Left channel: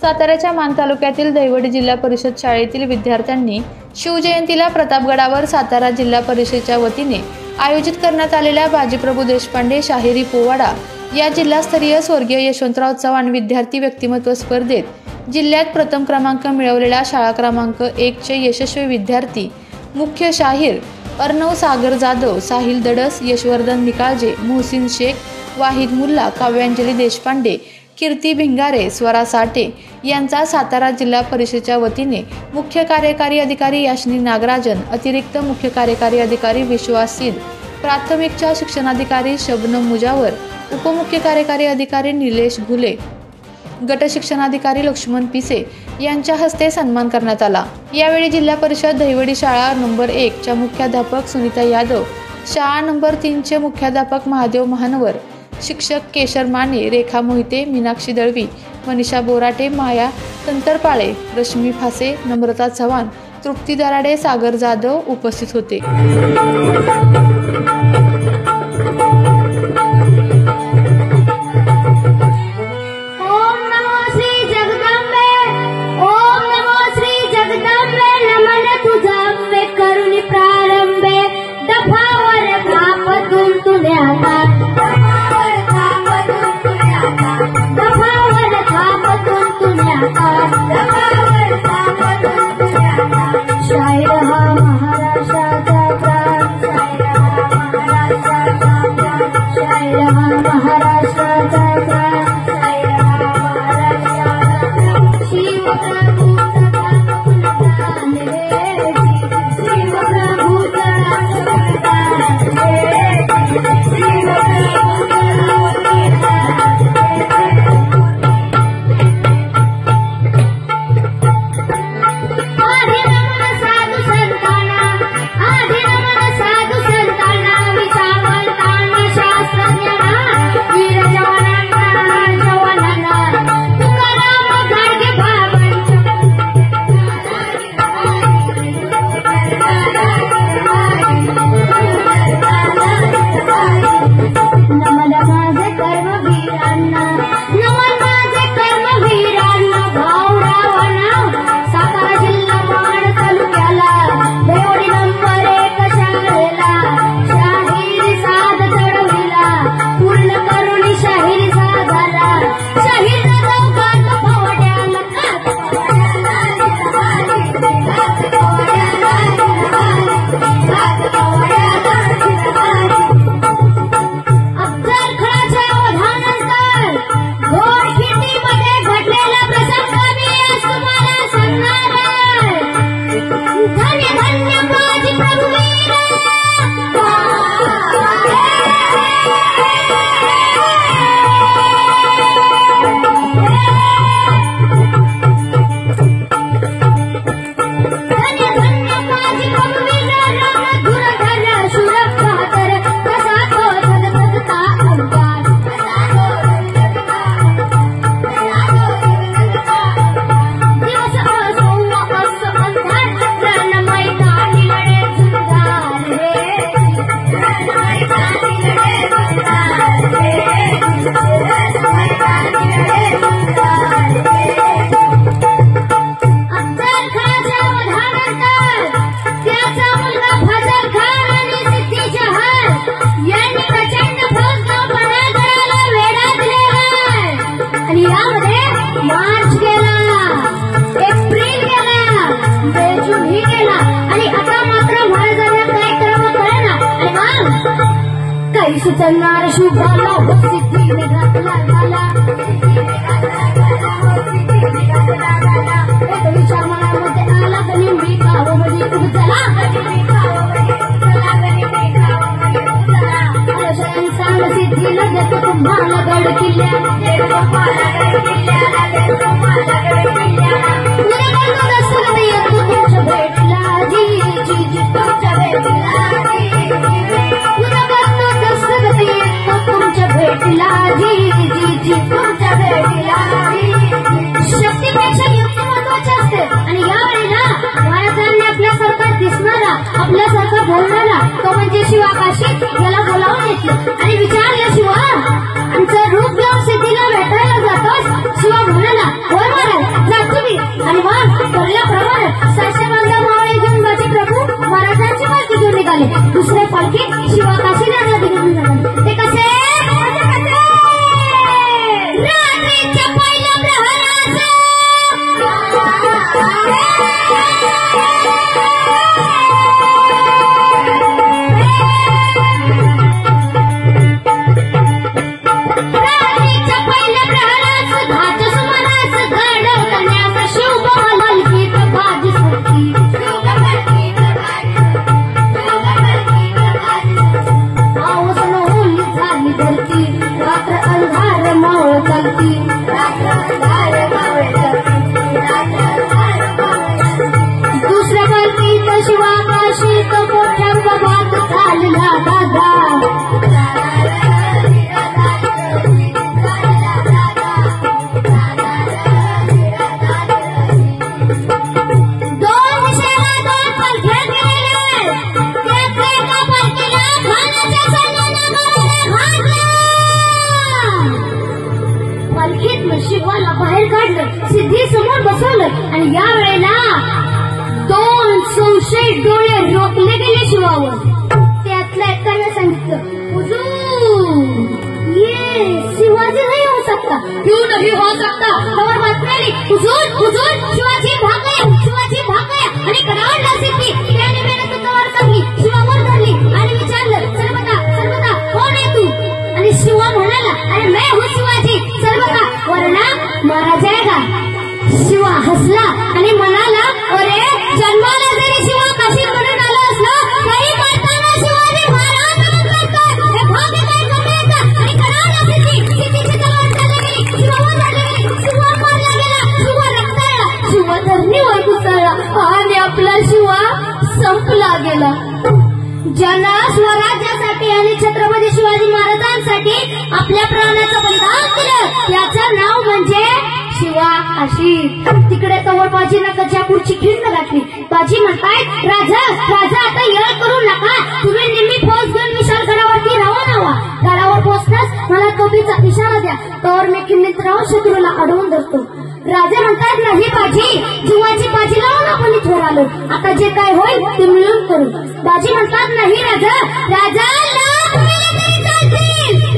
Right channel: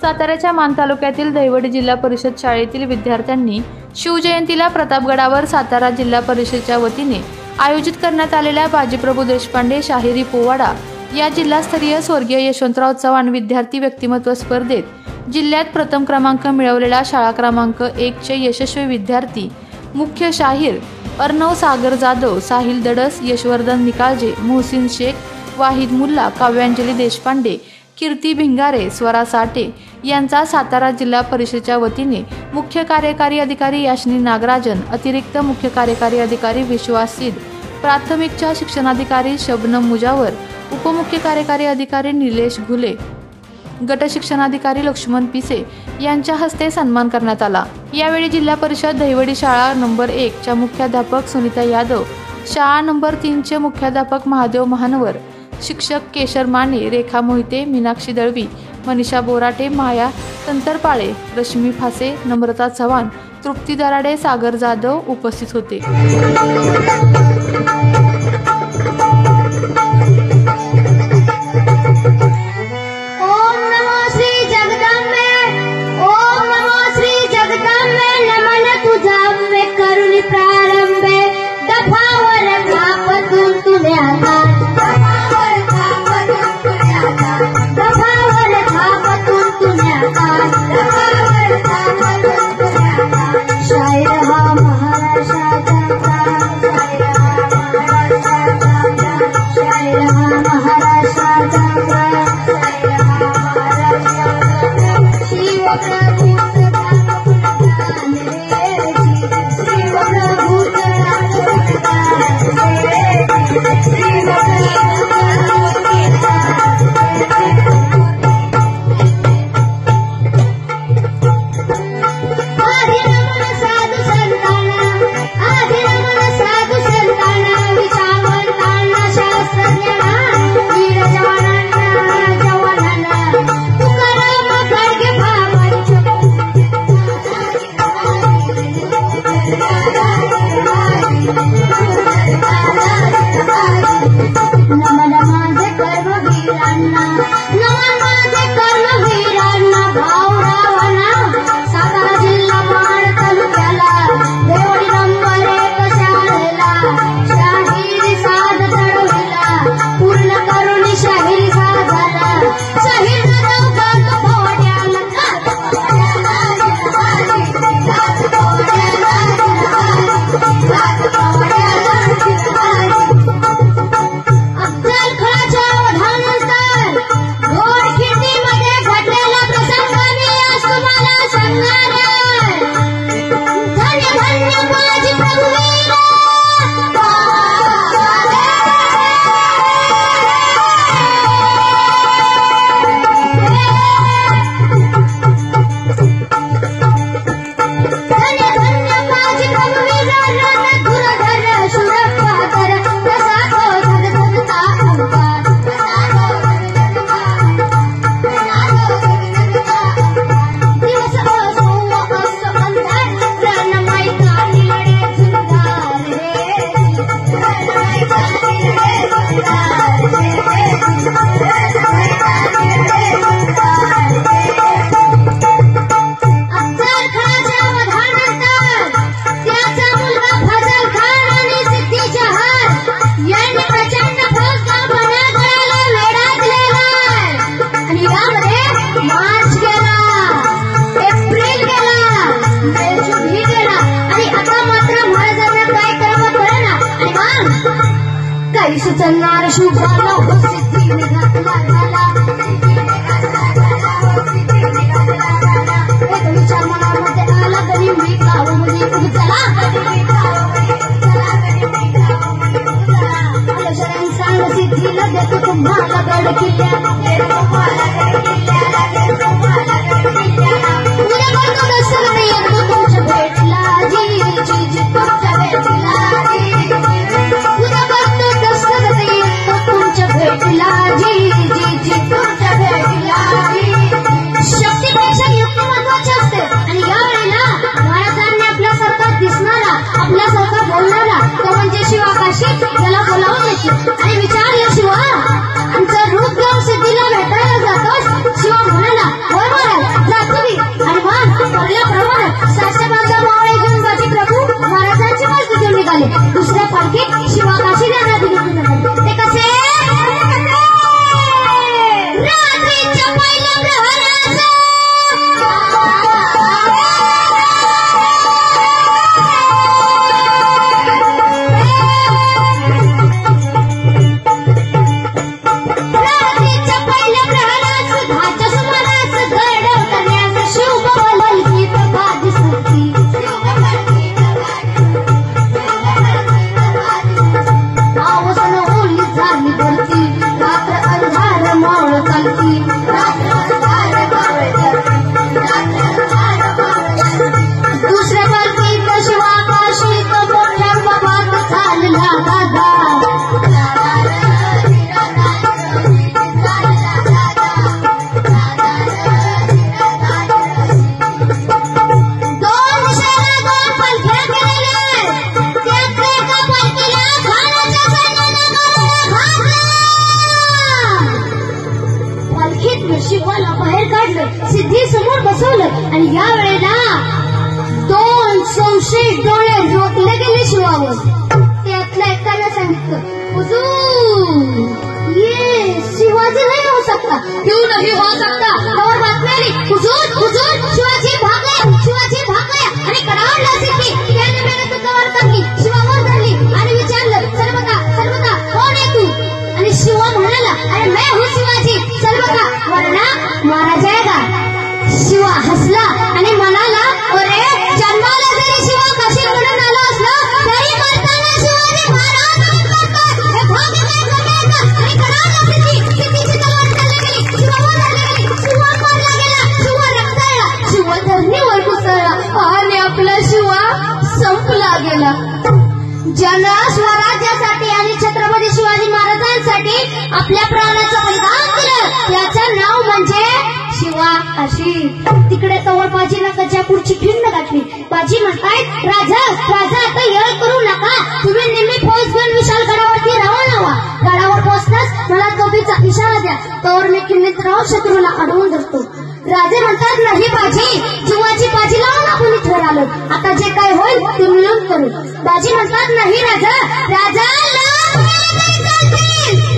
साताऱ्याच्या मान तालुक्यातील दहिवडी जिल्हा परिषद शाळेतील विद्यार्थ्यांनी शिवजयंतीला प्रतापगडावर सातारा जिल्हा परिषदेच्या वतीने आयोजित करण्यात आलेल्या बाजीप्रभू देशपांडे शाहिरी पोवाडा या जिल्हास्तरीय स्वर्गीय यशवंतराव चव्हाण विद्यार्थी व्यक्तिमत्व स्पर्धेत जिल्ह्यात प्रथम क्रमांक मिळवलेला शाळा क्रमांक 1 चे यशस्वी विद्यार्थी मुख्य शाहीर अर्णव सागर जाधव, साहिल दडस, यशवर्धन निकाळजे, मोहसिन शेख, वाहिद मुल्ला, काव्यांजली देशपांडे, कीर्ती भिंगारे, स्वरा साठे यांचा सातारा जिल्हा परिषदेच्या वतीने मुख्य कार्यकारी अधिकारी याशिनी नागराजन, अतिरिक्त मुख्य कार्यकारी अधिकारी विश्वास सिद, प्राथमिकच्या शिक्षणाधिकारी शबनम मुजावर, उपमुख्य कार्यकारी अधिकारी निलेश घुले, गट शिक्षणाधिकारी लक्ष्मण पिसे यांच्या हस्ते सन्मान करण्यात आला। यावेळी जिल्हा परिषद दहिवडी शाळा नंबर 1 च्या मुख्याध्यापक सुनीता यादव, शाळा नंबर 3 चे मुख्याध्यापक महादेव महानवर, शिक्षक केशर माने, रेखा मोहिते, मीनाक्षी दळवी, मनीषा बोराटे, माया तंतरपाळे, रश्मी फासे, नम्रता चव्हाण, तृप्ती दराडे, सागर जाधव उपस्थित होते। सुचणार शुभाला उपस्थितीने घातला झाला एक विचार मनामध्ये आला तरी मी कावली उचला संसार सिद्धीला देतो तुम्हाला गड किल्ल्याला आपल्यासारखा बोलणारा कवंजी शिवाकाशी याला बोलावून देते आणि विचार या शिवा काढलं, सिद्धी समोर बसवलं आणि या वेळेला 2 संशयित डोळे रोखले गेले शिवावर. त्यातल्या एकाने सांगितलं, हुजूर ये शिवाजी नाही होऊ सकता, क्यों नहीं हो सकता. और बातमी आली, हुजूर हुजूर शिवाजी भागले आणि कडावडला सिद्धी. त्याने मेहनत तलवार टाकली, शिवावर धरली आणि विचारलं, सलमता कोण आहे तू. आणि शिवा म्हणाला, अरे मैं हूँ शिवाजी, सलमता वरना मारा जाएगा. शिवा हसला आणि म्हणाला, अरे जन्माला जरी शिवा कशी म्हणून आलो असलो तरी मारताना शिवाजी महाराज म्हणतात, हे भाग्य काय करण्याचा. आणि कडावडला सिद्धीची तलवार चालली गेली, शिवावर धरली गेली, शिवा मारला गेला, शिवा रक्ताळला, शिवा धरणीवर कोसळला आणि आपला शिवा संपला गेला. ज्यानं स्वराज्यासाठी आणि छत्रपती शिवाजी महाराजांसाठी आपल्या प्राणाचं बलिदान केलं त्याचं नाव म्हणजे शिवा. अशी तिकडे तवर बाजीनं कच्या खुर्ची खिंड घातली. बाजी म्हणतायत, राजा आता येळ करू नका, तुम्ही नेहमी फौज घेऊन विशाल गडावरती रवाना व्हा. गडावर पोहोचताच मला तोफीचा इशारा द्या, तोवर मी किल्लीत राहून शत्रूला अडवून धरतो. राजे म्हणतात, नाही बाजी, जीवाची बाजी लावून आपण इथवर आलो, आता जे काय होईल ते मिळून करू. बाजी म्हणतात, नाही राजा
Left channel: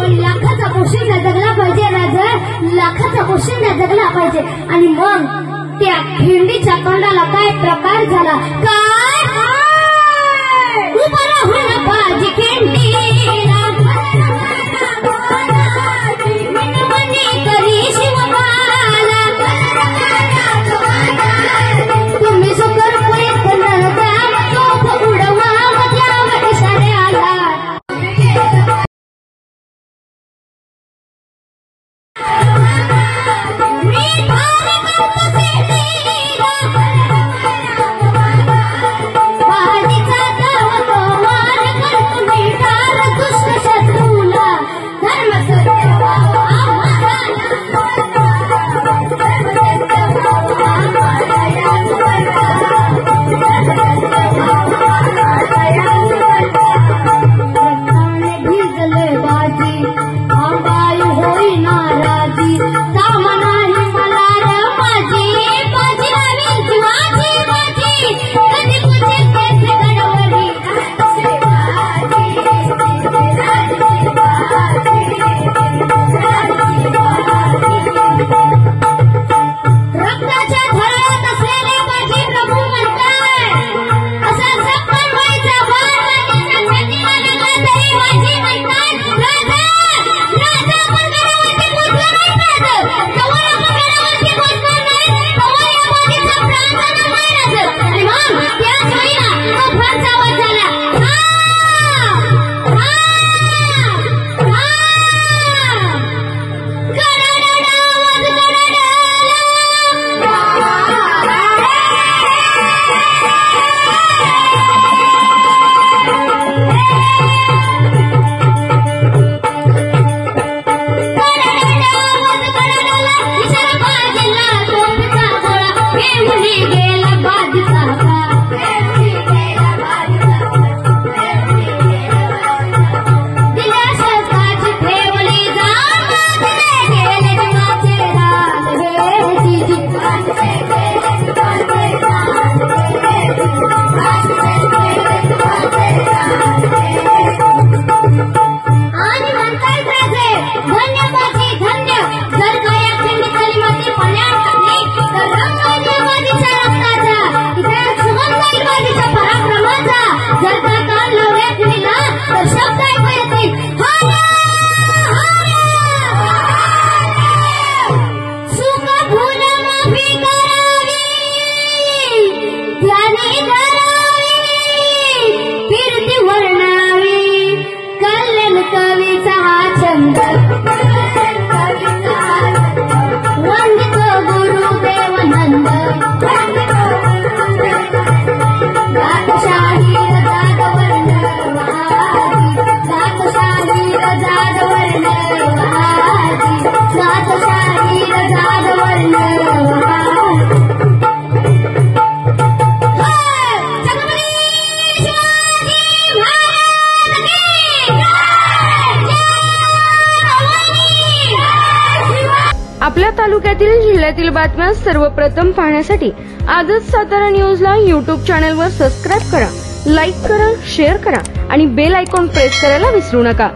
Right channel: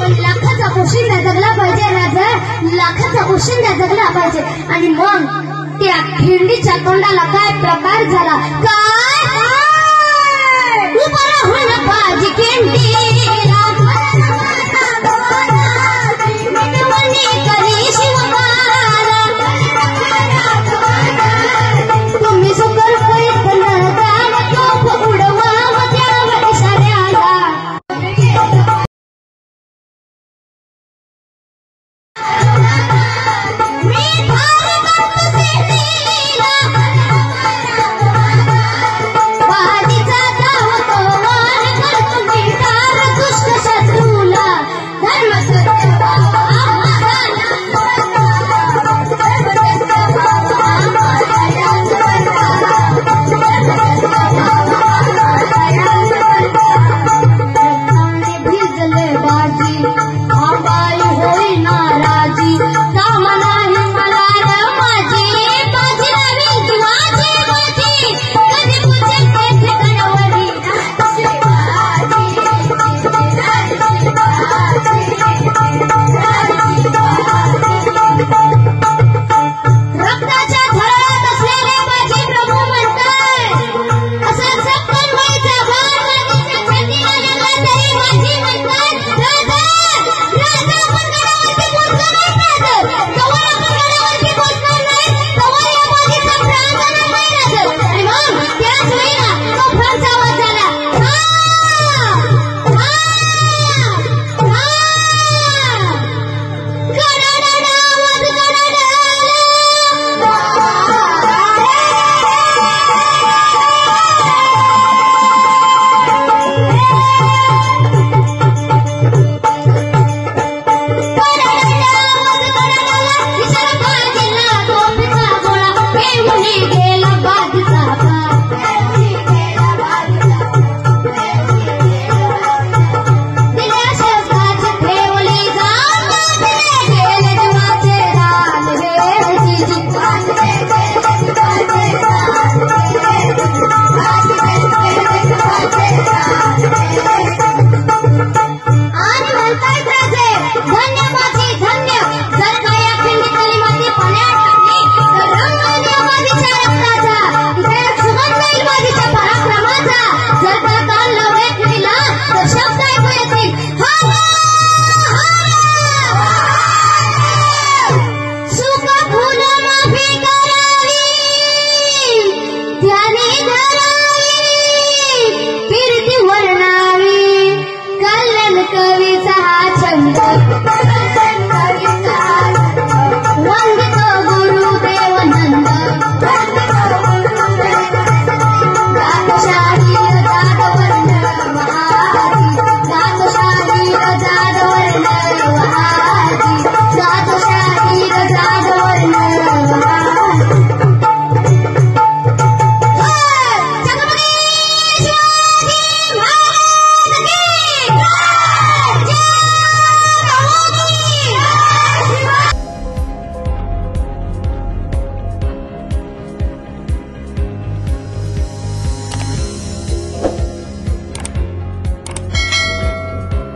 पण लाखाचा पोशिंदा जगला पाहिजे, राजा लाखाचा पोशिंदा जगला पाहिजे. आणि मग त्या खिंडीच्या तोंडाला काय प्रकार झाला, काय उभा राहून बाजी खिंडीला करी शिवबाला, तुम्ही सुकर पैठण उडवाव द्याव इशाऱ्याला. तालुक्यातील जिल्ह्यातील बातम्या सर्वप्रथम पाहण्यासाठी आजच सातारा न्यूजला YouTube चॅनलवर सबस्क्राइब करा, लाईक करा, शेअर करा आणि बेल आयकॉन प्रेस करायला विसरू नका।